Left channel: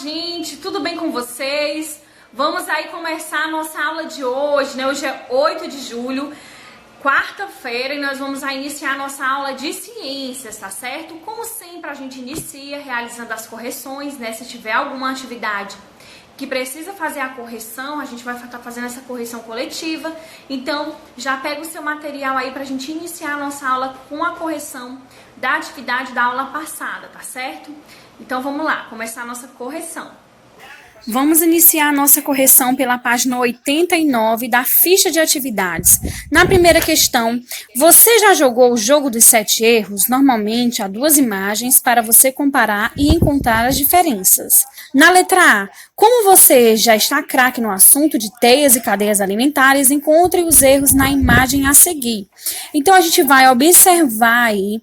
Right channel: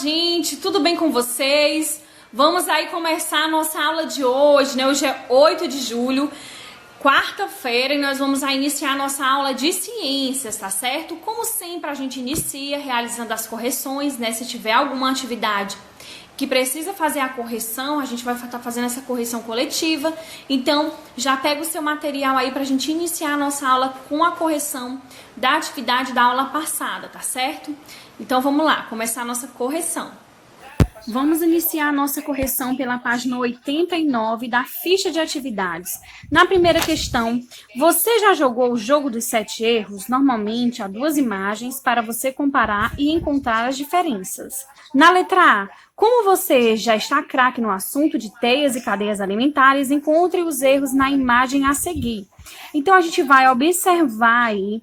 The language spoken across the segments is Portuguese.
gente, tudo bem com vocês? Vamos aí começar a nossa aula de hoje, né? Hoje é 8 de julho, quarta-feira, e nós vamos aí iniciar a nossa aula de ciências, tá certo? Como sempre, a gente inicia realizando as correções, né? Se tiver alguma atividade que precisa fazer a correção, a gente vai estar fazendo essa correção coletiva. Então, já pega o seu material aí pra gente iniciar a nossa aula com a correção da atividade da aula passada, tá certo? Então, vamos lá, começar a nossa correção. Vamos iniciar a nossa correção pela página 89 da ficha de atividades. Na primeira questão, você já jogou o jogo dos 7 erros? Normalmente, há 2 imagens para você comparar e encontrar as diferenças. Na letra A, como você já está craque no assunto de teias e cadeias alimentares, encontre os erros na imagem a seguir. Então, a gente vai observar aí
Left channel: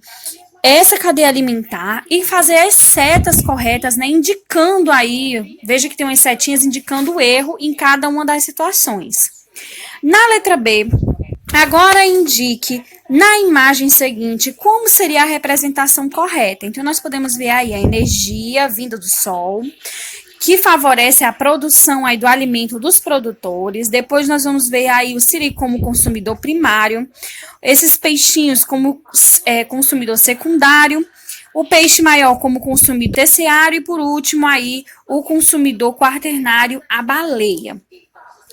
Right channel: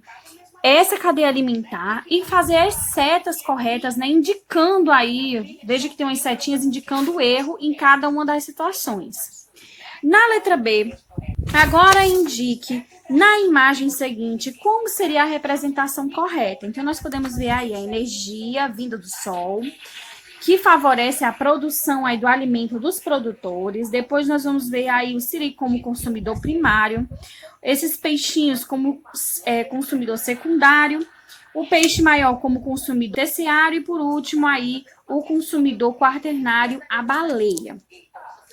essa cadeia alimentar e fazer as setas corretas, né, indicando aí, veja que tem umas setinhas indicando o erro em cada uma das situações. Na letra B, agora indique na imagem seguinte como seria a representação correta. Então, nós podemos ver aí a energia vinda do sol, que favorece a produção aí do alimento dos produtores. Depois nós vamos ver aí o siri como consumidor primário, esses peixinhos como consumidor secundário, o peixe maior como consumidor terciário e, por último, aí o consumidor quaternário, a baleia.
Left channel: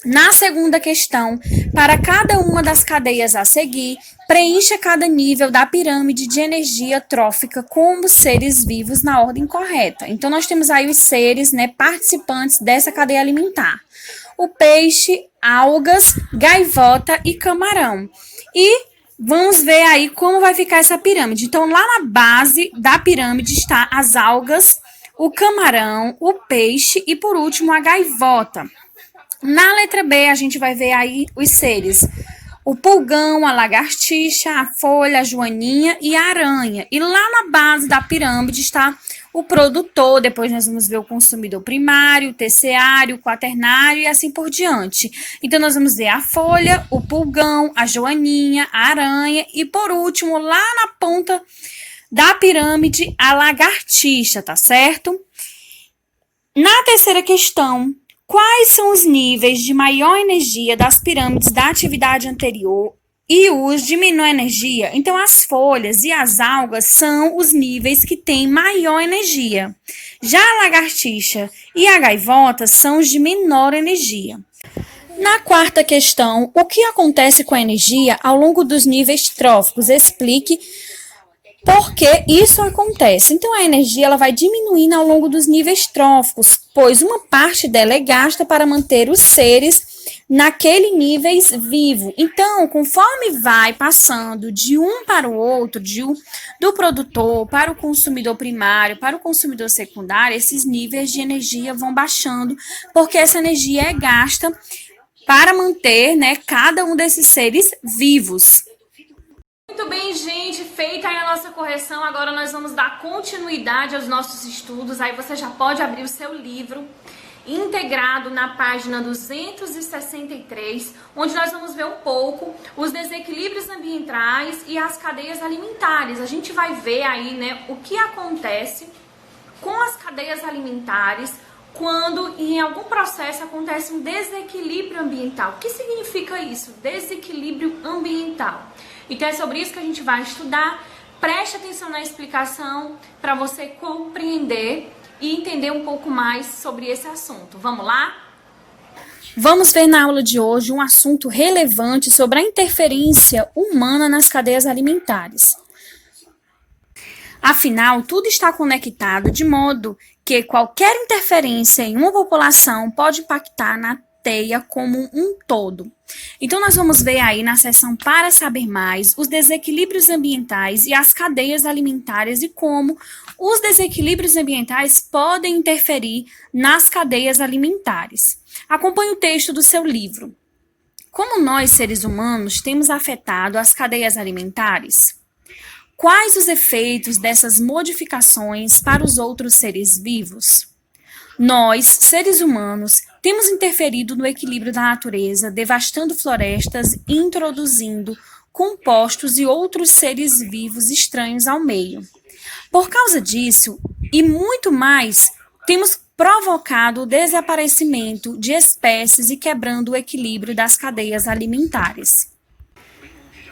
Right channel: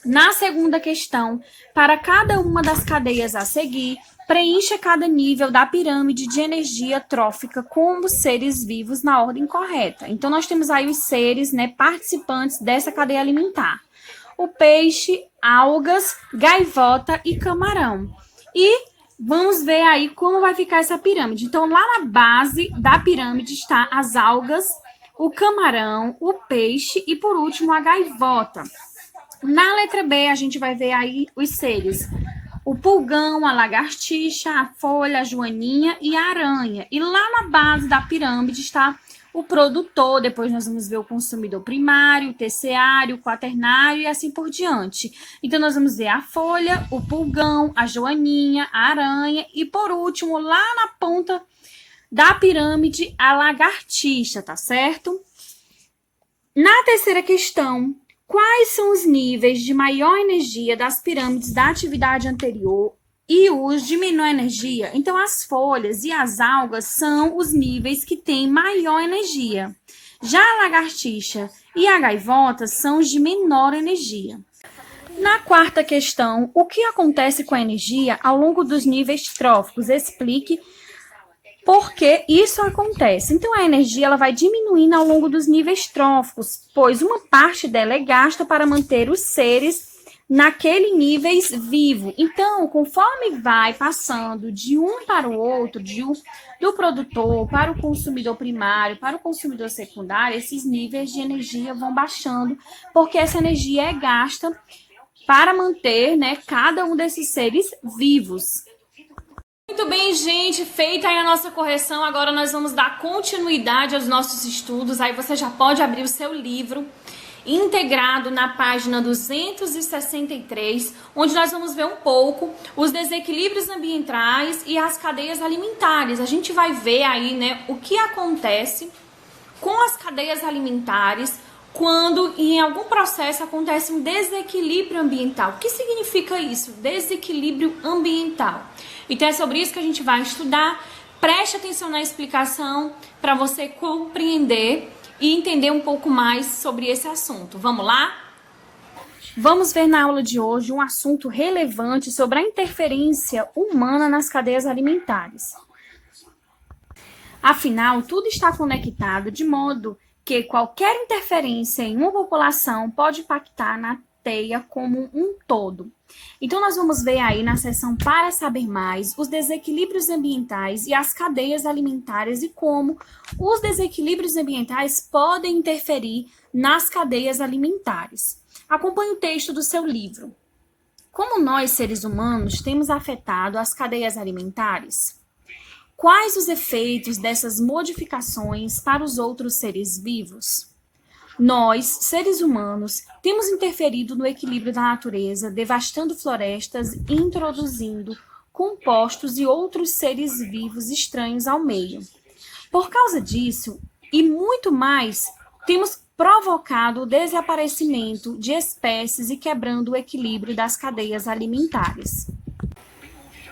Na segunda questão, para cada uma das cadeias a seguir, preencha cada nível da pirâmide de energia trófica como seres vivos na ordem correta. Então, nós temos aí os seres, né, participantes dessa cadeia alimentar. O peixe, algas, gaivota e camarão. E vamos ver aí como vai ficar essa pirâmide. Então, lá na base da pirâmide está as algas, o camarão, o peixe e, por último, a gaivota. Na letra B, a gente vai ver aí os seres: o pulgão, a lagartixa, a folha, a joaninha e a aranha. E lá na base da pirâmide está o produtor, depois nós vamos ver o consumidor primário, o terciário, o quaternário e assim por diante. Então, nós vamos ver a folha, o pulgão, a joaninha, a aranha e, por último, lá na ponta da pirâmide, a lagartixa, tá certo? Na terceira questão, quais são os níveis de maior energia das pirâmides da atividade anterior e os de menor energia? Então, as folhas e as algas são os níveis que têm maior energia. Já a lagartixa e a gaivota são os de menor energia. Na quarta questão, o que acontece com a energia ao longo dos níveis tróficos? Explique por que isso acontece. Então, a energia ela vai diminuindo ao longo dos níveis tróficos, pois uma parte dela é gasta para manter os seres naquele nível vivo. Então, conforme vai passando de um para o outro, do produtor para o consumidor primário, para o consumidor secundário, esses níveis de energia vão baixando, porque essa energia é gasta para manter, né, cada um desses seres vivos. Muito bem, gente, feita aí a nossa correção, agora nós vamos dar continuidade aos nossos estudos. Aí você já pode abrir o seu livro integrado na página 263, onde nós vamos ver um pouco os desequilíbrios ambientais e as cadeias alimentares. A gente vai ver aí, né, o que acontece com as cadeias alimentares quando em algum processo acontece um desequilíbrio ambiental. O que significa isso? Desequilíbrio ambiental. Então, é sobre isso que a gente vai estudar. Preste atenção na explicação para você compreender e entender um pouco mais sobre esse assunto. Vamos lá? Vamos ver na aula de hoje um assunto relevante sobre a interferência humana nas cadeias alimentares. Afinal, tudo está conectado de modo que qualquer interferência em uma população pode impactar na teia como um todo. Então, nós vamos ver aí na seção para saber mais os desequilíbrios ambientais e as cadeias alimentares e como os desequilíbrios ambientais podem interferir nas cadeias alimentares. Acompanhe o texto do seu livro. Como nós, seres humanos, temos afetado as cadeias alimentares? Quais os efeitos dessas modificações para os outros seres vivos? Nós, seres humanos, temos interferido no equilíbrio da natureza, devastando florestas e introduzindo compostos e outros seres vivos estranhos ao meio. Por causa disso, e muito mais, temos provocado o desaparecimento de espécies e quebrando o equilíbrio das cadeias alimentares.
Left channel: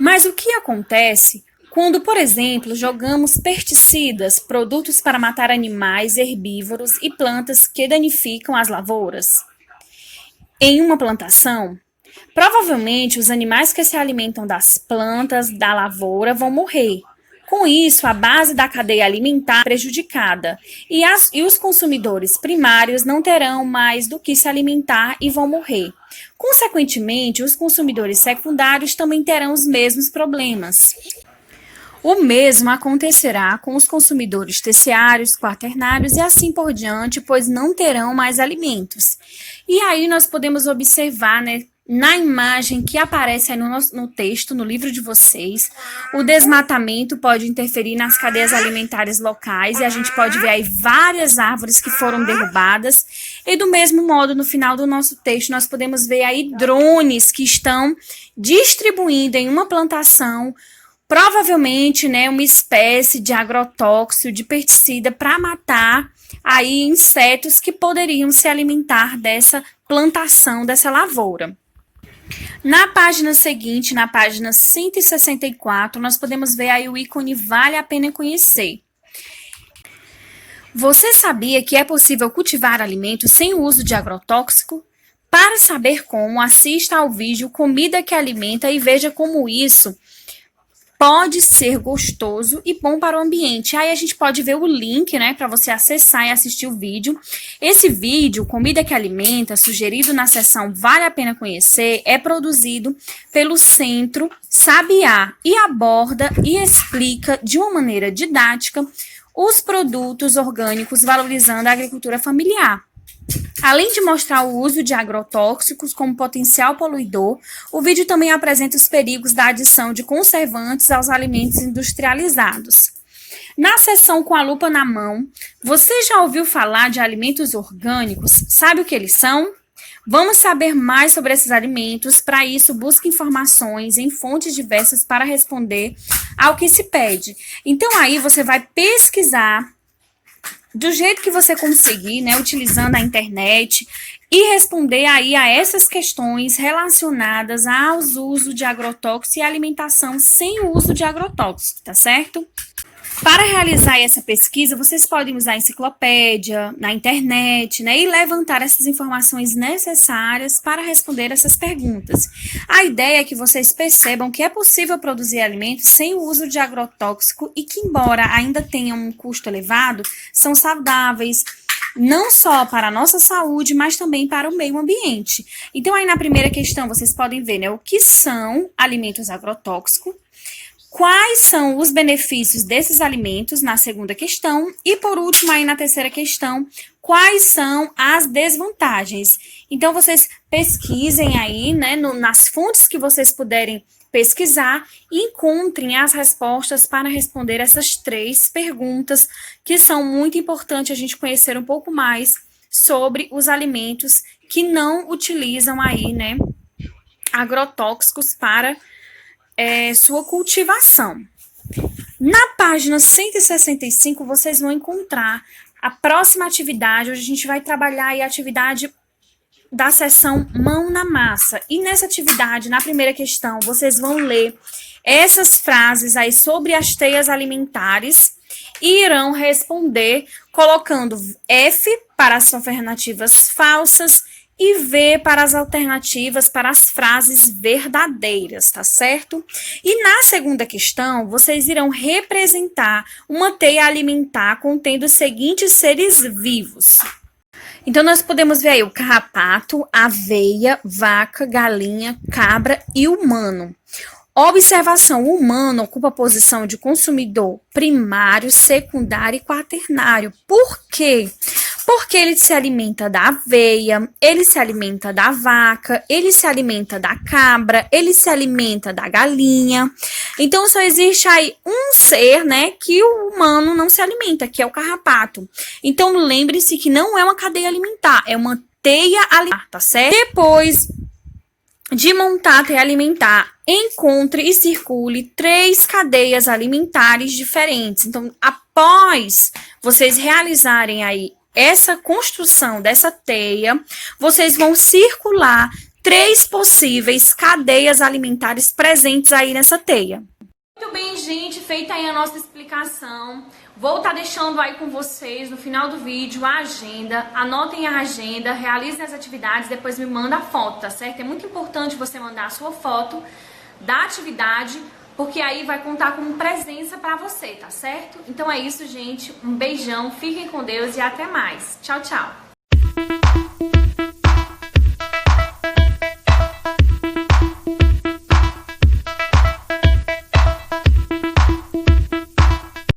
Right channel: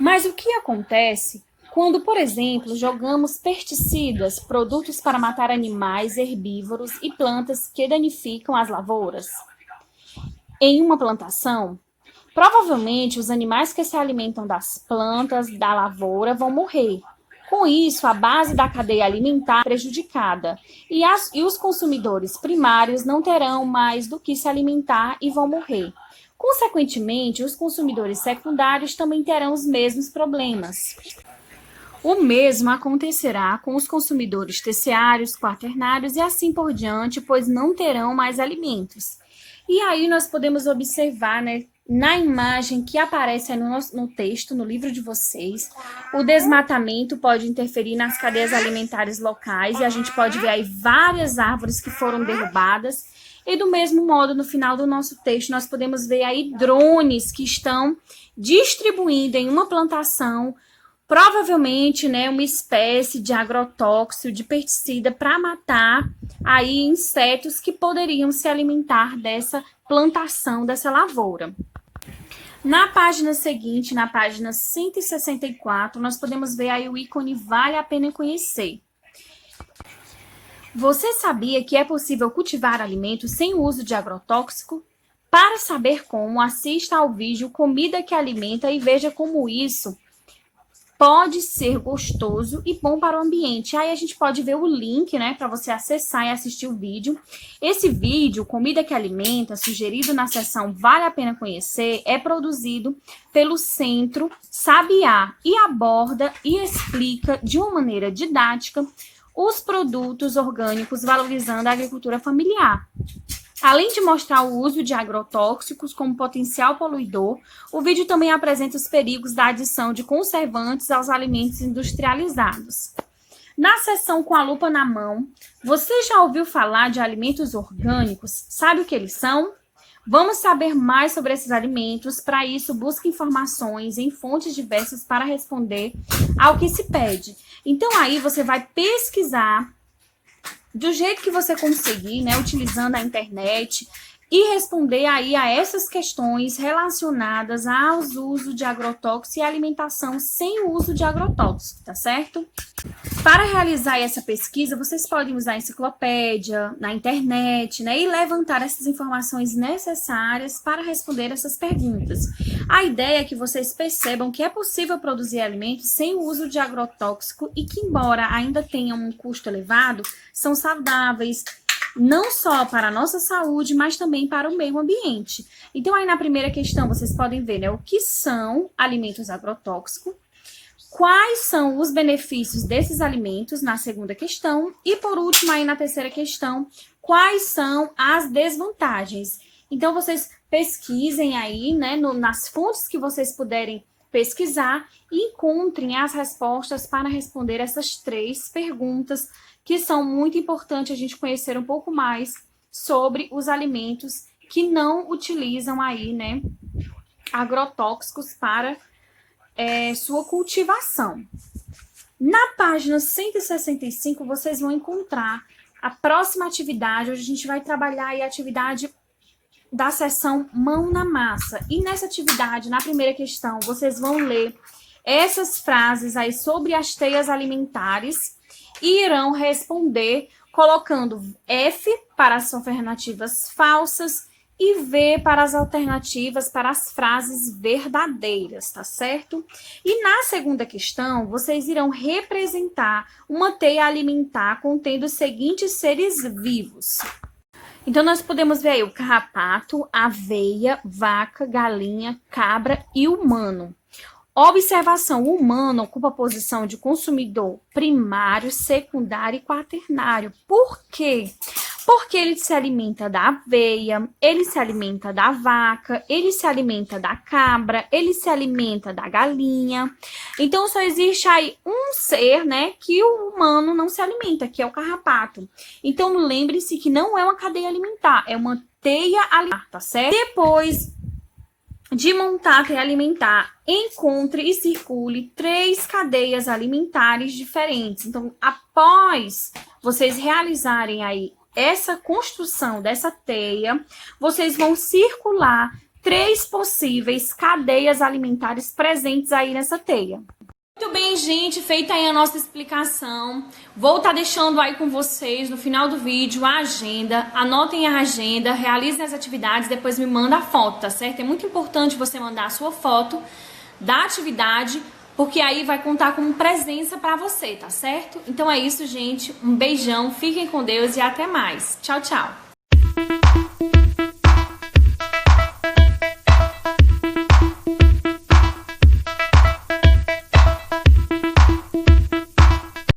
Mas o que acontece quando, por exemplo, jogamos pesticidas, produtos para matar animais, herbívoros e plantas que danificam as lavouras, em uma plantação? Provavelmente os animais que se alimentam das plantas da lavoura vão morrer. Com isso, a base da cadeia alimentar é prejudicada e os consumidores primários não terão mais do que se alimentar e vão morrer. Consequentemente, os consumidores secundários também terão os mesmos problemas. O mesmo acontecerá com os consumidores terciários, quaternários e assim por diante, pois não terão mais alimentos. E aí nós podemos observar, né, na imagem que aparece aí no texto, no livro de vocês, o desmatamento pode interferir nas cadeias alimentares locais e a gente pode ver aí várias árvores que foram derrubadas. E do mesmo modo, no final do nosso texto, nós podemos ver aí drones que estão distribuindo em uma plantação provavelmente, né, uma espécie de agrotóxico, de pesticida para matar aí insetos que poderiam se alimentar dessa plantação, dessa lavoura. Na página seguinte, na página 164, nós podemos ver aí o ícone Vale a Pena Conhecer. Você sabia que é possível cultivar alimentos sem o uso de agrotóxico? Para saber como, assista ao vídeo Comida que Alimenta e veja como isso pode ser gostoso e bom para o ambiente. Aí a gente pode ver o link, né, para você acessar e assistir o vídeo. Esse vídeo, Comida que Alimenta, sugerido na seção Vale a Pena Conhecer, é produzido pelo Centro Sabiá e aborda e explica de uma maneira didática os produtos orgânicos, valorizando a agricultura familiar. Além de mostrar o uso de agrotóxicos como potencial poluidor, o vídeo também apresenta os perigos da adição de conservantes aos alimentos industrializados. Na seção Com a Lupa na Mão, você já ouviu falar de alimentos orgânicos? Sabe o que eles são? Vamos saber mais sobre esses alimentos. Para isso, busque informações em fontes diversas para responder ao que se pede. Então, aí você vai pesquisar do jeito que você conseguir, né, utilizando a internet, e responder aí a essas questões relacionadas aos usos de agrotóxicos e alimentação sem o uso de agrotóxicos, tá certo? Para realizar essa pesquisa, vocês podem usar a enciclopédia, na internet, né, e levantar essas informações necessárias para responder essas perguntas. A ideia é que vocês percebam que é possível produzir alimentos sem o uso de agrotóxico e que, embora ainda tenham um custo elevado, são saudáveis, não só para a nossa saúde, mas também para o meio ambiente. Então, aí na primeira questão, vocês podem ver, né, o que são alimentos agrotóxicos, quais são os benefícios desses alimentos, na segunda questão, e por último, aí na terceira questão, quais são as desvantagens. Então, vocês pesquisem aí, né, nas fontes que vocês puderem pesquisar e encontrem as respostas para responder essas 3 perguntas, que são muito importantes a gente conhecer um pouco mais sobre os alimentos que não utilizam aí, né, agrotóxicos para sua cultivação. Na página 165, vocês vão encontrar a próxima atividade. Hoje a gente vai trabalhar aí a atividade da seção Mão na Massa. E nessa atividade, na primeira questão, vocês vão ler essas frases aí sobre as teias alimentares e irão responder colocando F para as alternativas falsas e V para as alternativas para as frases verdadeiras, tá certo? E na segunda questão, vocês irão representar uma teia alimentar contendo os seguintes seres vivos. Então, nós podemos ver aí o carrapato, aveia, vaca, galinha, cabra e humano. Observação: o humano ocupa a posição de consumidor primário, secundário e quaternário. Por quê? Porque ele se alimenta da aveia, ele se alimenta da vaca, ele se alimenta da cabra, ele se alimenta da galinha. Então, só existe aí um ser, né, que o humano não se alimenta, que é o carrapato. Então, lembre-se que não é uma cadeia alimentar, é uma teia alimentar, tá certo? Depois de montar a teia alimentar, encontre e circule 3 cadeias alimentares diferentes. Então, após vocês realizarem aí essa construção dessa teia, vocês vão circular 3 possíveis cadeias alimentares presentes aí nessa teia. Muito bem, gente, feita aí a nossa explicação. Vou estar deixando aí com vocês no final do vídeo a agenda. Anotem a agenda, realizem as atividades, depois me manda a foto, tá certo? É muito importante você mandar a sua foto da atividade, porque aí vai contar como presença para você, tá certo? Então é isso, gente. Um beijão, fiquem com Deus e até mais. Tchau, tchau.